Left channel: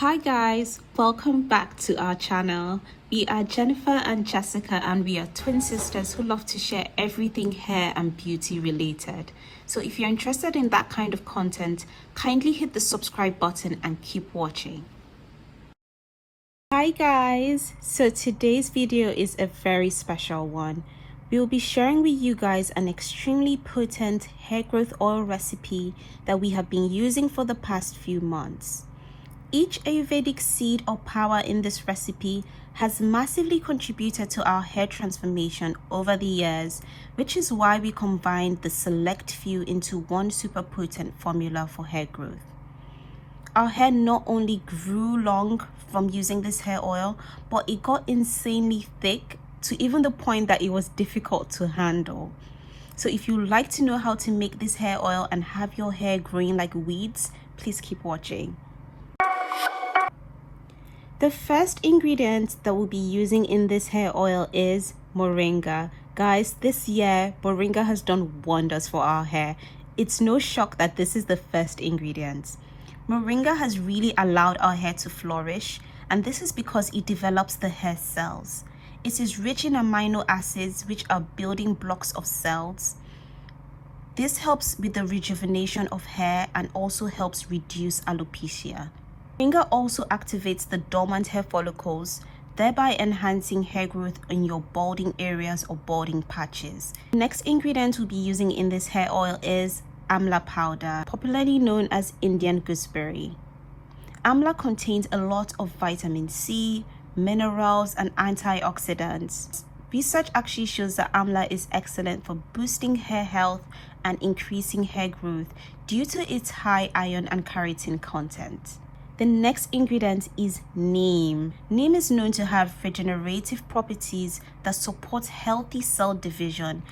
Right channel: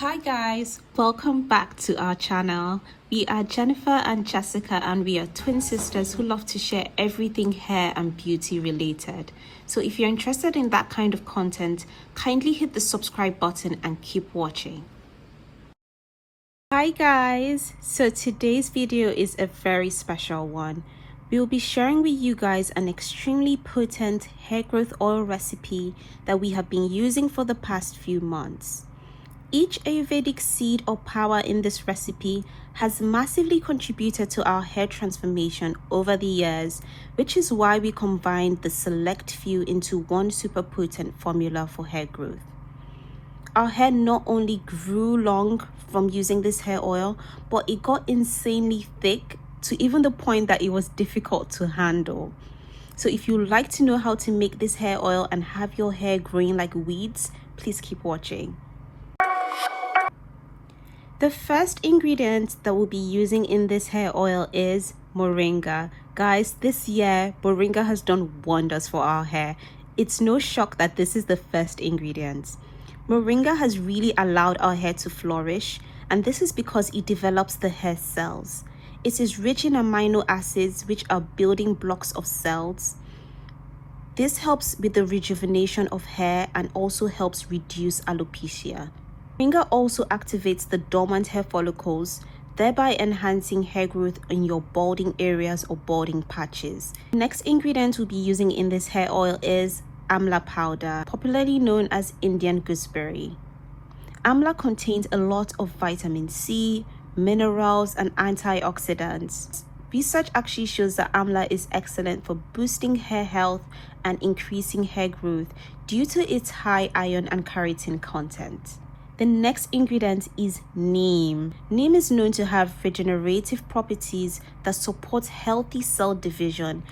Hi guys, welcome back to our channel. We are Jennifer and Jessica, and we are twin sisters who love to share everything hair and beauty related. So if you're interested in that kind of content, kindly hit the subscribe button and keep watching. Hi guys, so today's video is a very special one. We will be sharing with you guys an extremely potent hair growth oil recipe that we have been using for the past few months. Each Ayurvedic seed or power in this recipe has massively contributed to our hair transformation over the years, which is why we combined the select few into one super potent formula for hair growth. Our hair not only grew long from using this hair oil, but it got insanely thick to even the point that it was difficult to handle. So if you like to know how to make this hair oil and have your hair growing like weeds, please keep watching. The first ingredient that we'll be using in this hair oil is moringa. Guys, this year, moringa has done wonders for our hair. It's no shock that this is the first ingredient. Moringa has really allowed our hair to flourish, and this is because it develops the hair cells. It is rich in amino acids, which are building blocks of cells. This helps with the rejuvenation of hair and also helps reduce alopecia. Moringa also activates the dormant hair follicles, thereby enhancing hair growth in your balding areas or balding patches. The next ingredient we'll be using in this hair oil is amla powder, popularly known as Indian gooseberry. Amla contains a lot of vitamin C, minerals, and antioxidants. Research actually shows that amla is excellent for boosting hair health and increasing hair growth due to its high iron and keratin content. The next ingredient is neem. Neem is known to have regenerative properties that support healthy cell division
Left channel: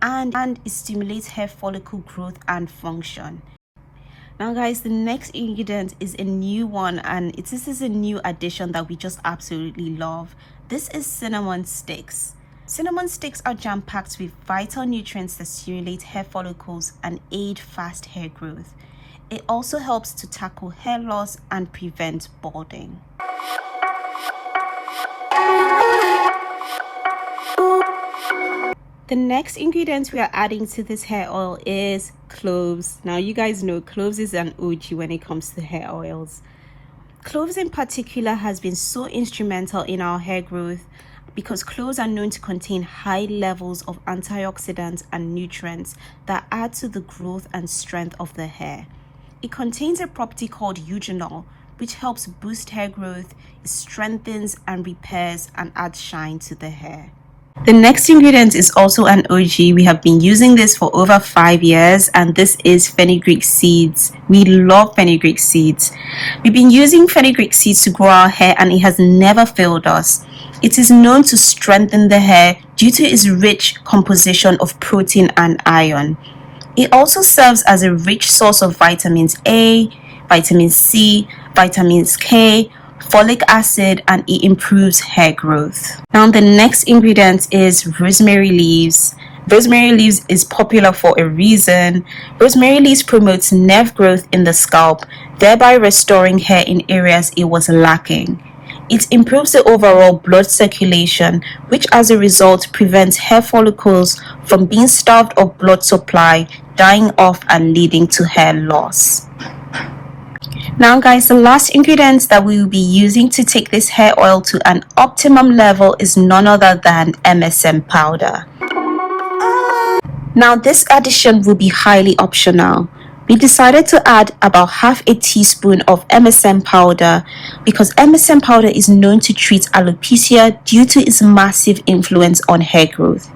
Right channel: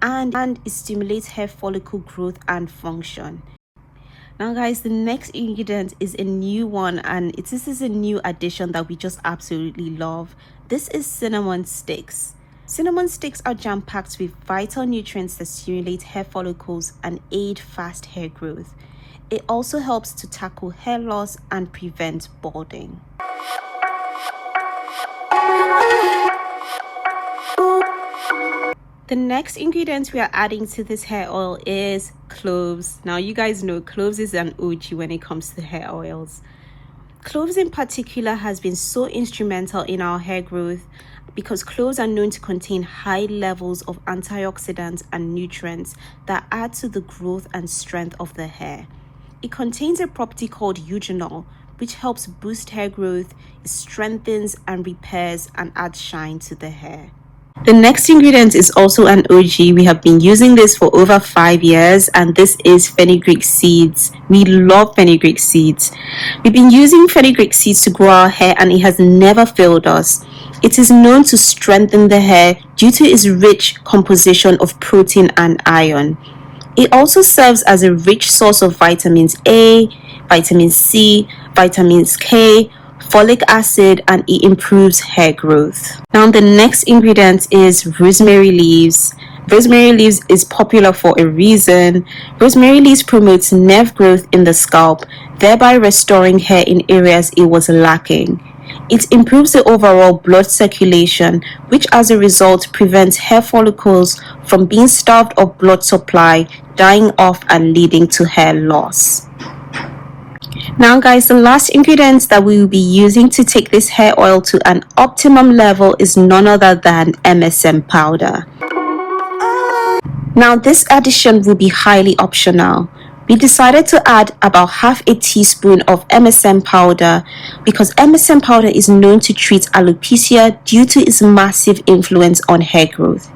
and it stimulates hair follicle growth and function. Now guys, the next ingredient is a new one, and this is a new addition that we just absolutely love. This is cinnamon sticks. Cinnamon sticks are jam-packed with vital nutrients that stimulate hair follicles and aid fast hair growth. It also helps to tackle hair loss and prevent balding. The next ingredient we are adding to this hair oil is cloves. Now you guys know cloves is an OG when it comes to hair oils. Cloves in particular has been so instrumental in our hair growth because cloves are known to contain high levels of antioxidants and nutrients that add to the growth and strength of the hair. It contains a property called eugenol, which helps boost hair growth, strengthens and repairs, and adds shine to the hair. The next ingredient is also an OG. We have been using this for over 5 years, and this is fenugreek seeds. We love fenugreek seeds. We've been using fenugreek seeds to grow our hair, and it has never failed us. It is known to strengthen the hair due to its rich composition of protein and iron. It also serves as a rich source of vitamins A, vitamin C, vitamins K, folic acid, and it improves hair growth. Now the next ingredient is rosemary leaves. Rosemary leaves is popular for a reason. Rosemary leaves promotes nerve growth in the scalp, thereby restoring hair in areas it was lacking. It improves the overall blood circulation, which as a result prevents hair follicles from being starved of blood supply, dying off, and leading to hair loss. Now guys, the last ingredient that we will be using to take this hair oil to an optimum level is none other than MSM powder. Now this addition will be highly optional. We decided to add about half a teaspoon of MSM powder because MSM powder is known to treat alopecia due to its massive influence on hair growth.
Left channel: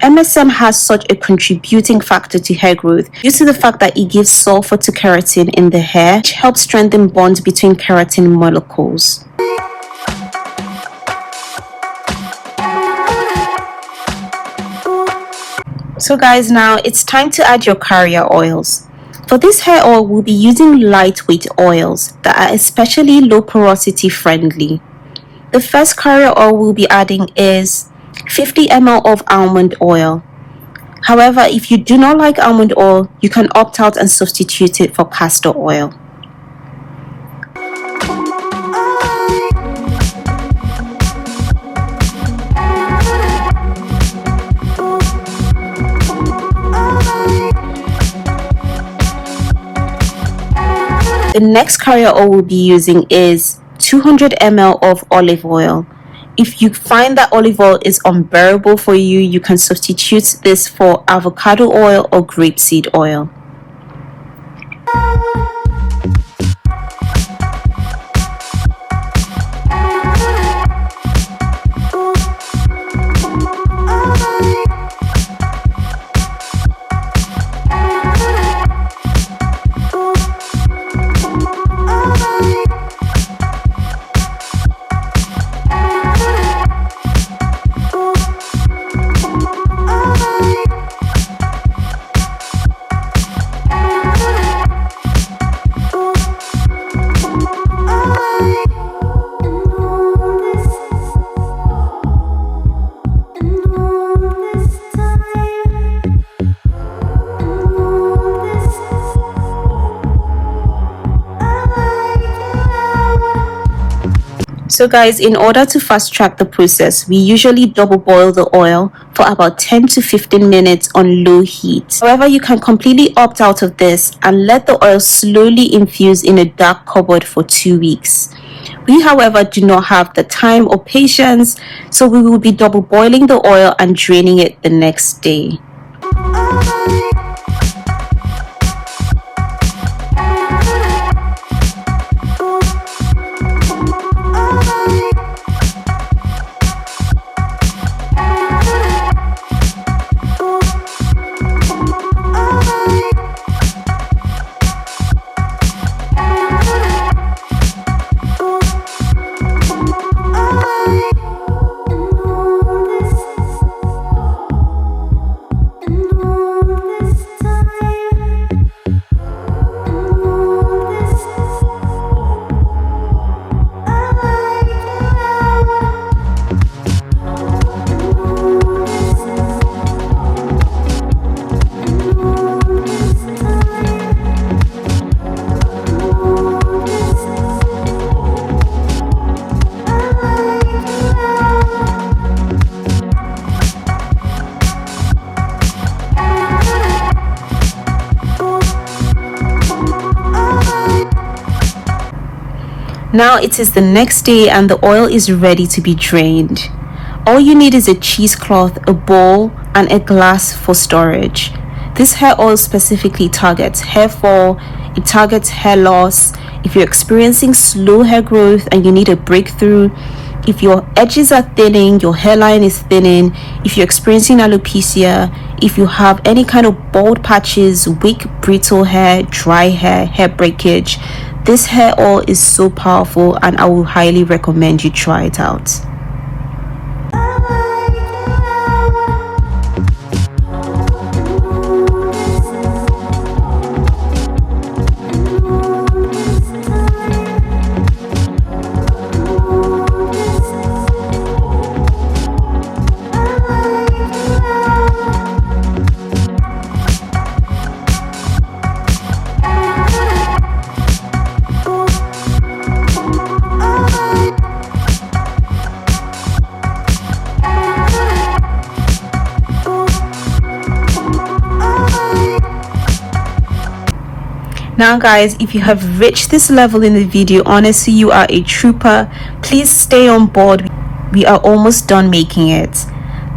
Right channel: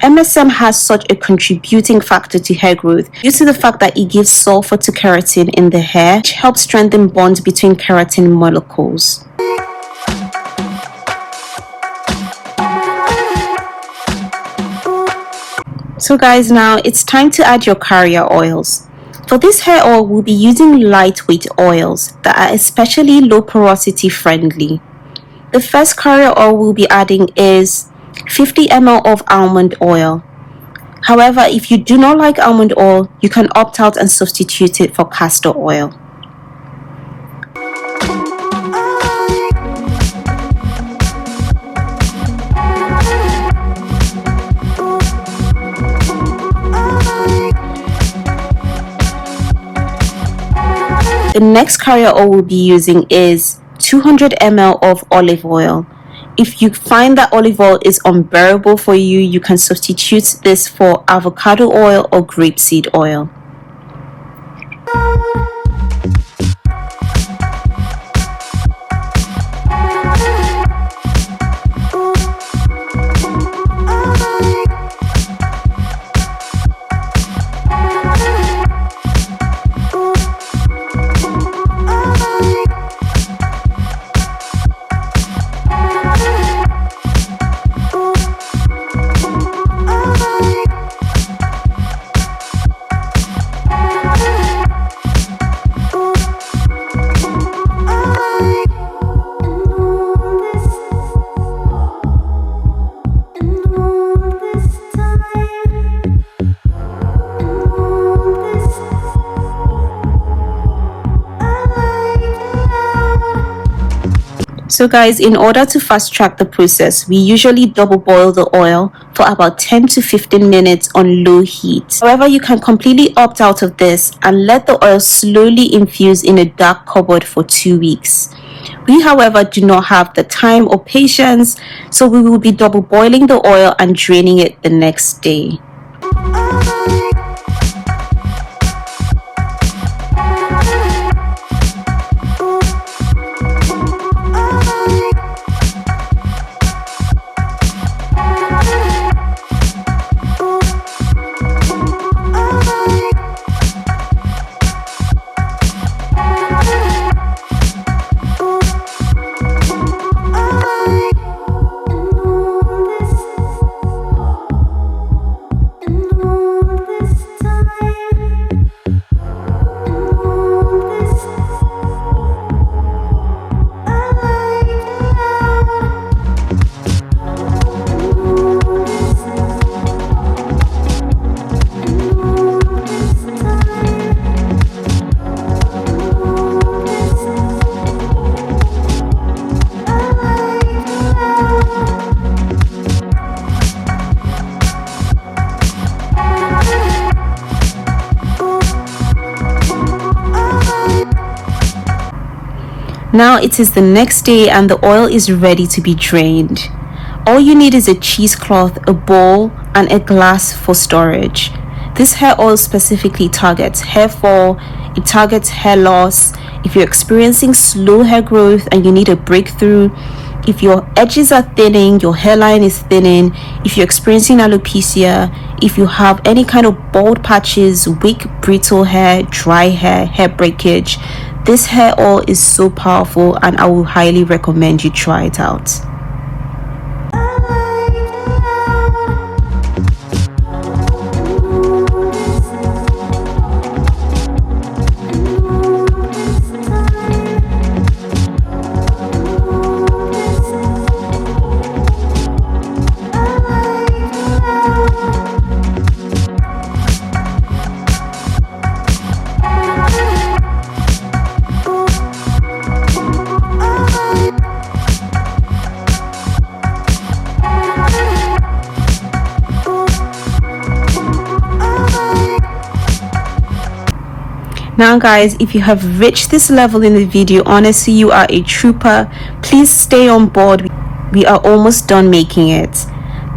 MSM has such a contributing factor to hair growth due to the fact that it gives sulfur to keratin in the hair, which helps strengthen bonds between keratin molecules. So guys, now it's time to add your carrier oils. For this hair oil, we'll be using lightweight oils that are especially low porosity friendly. The first carrier oil we'll be adding is 50 ml of almond oil. However, if you do not like almond oil, you can opt out and substitute it for castor oil. The next carrier oil we'll be using is 200 ml of olive oil. If you find that olive oil is unbearable for you, you can substitute this for avocado oil or grapeseed oil. So guys, in order to fast track the process, we usually double boil the oil for about 10 to 15 minutes on low heat. However, you can completely opt out of this and let the oil slowly infuse in a dark cupboard for 2 weeks. We, however, do not have the time or patience, so we will be double boiling the oil and draining it the next day. Now it is the next day and the oil is ready to be drained. All you need is a cheesecloth, a bowl, and a glass for storage. This hair oil specifically targets hair fall, it targets hair loss. If you're experiencing slow hair growth and you need a breakthrough, if your edges are thinning, your hairline is thinning, if you're experiencing alopecia, if you have any kind of bald patches, weak, brittle hair, dry hair, hair breakage, this hair oil is so powerful and I will highly recommend you try it out. Now guys, if you have reached this level in the video, honestly you are a trooper. Please stay on board. We are almost done making it.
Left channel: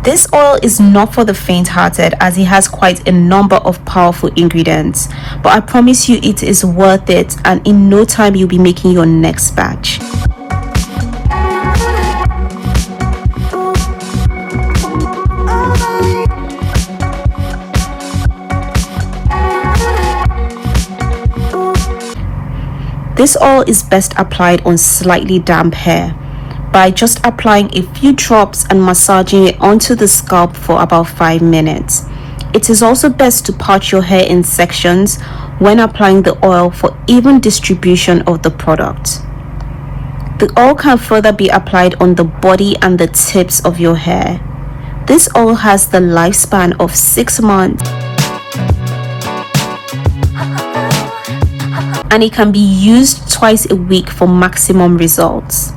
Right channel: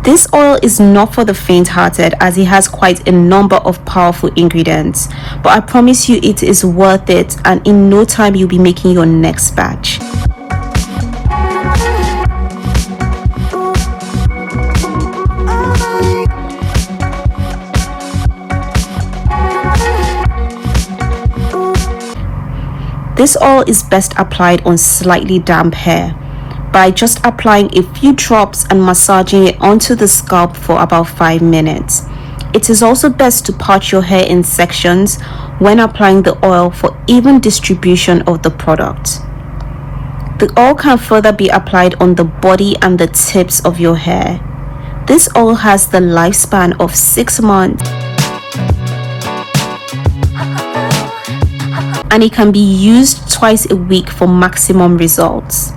This oil is not for the faint-hearted as it has quite a number of powerful ingredients, but I promise you it is worth it, and in no time you'll be making your next batch. This oil is best applied on slightly damp hair by just applying a few drops and massaging it onto the scalp for about 5 minutes. It is also best to part your hair in sections when applying the oil for even distribution of the product. The oil can further be applied on the body and the tips of your hair. This oil has the lifespan of 6 months. And it can be used twice a week for maximum results.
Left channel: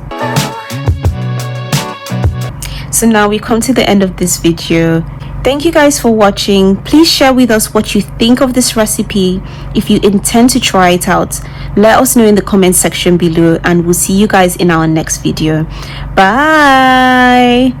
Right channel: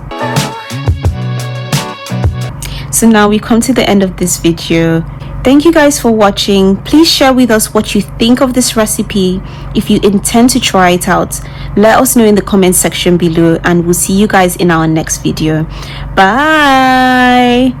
So now we come to the end of this video. Thank you guys for watching. Please share with us what you think of this recipe. If you intend to try it out, let us know in the comment section below, and we'll see you guys in our next video. Bye.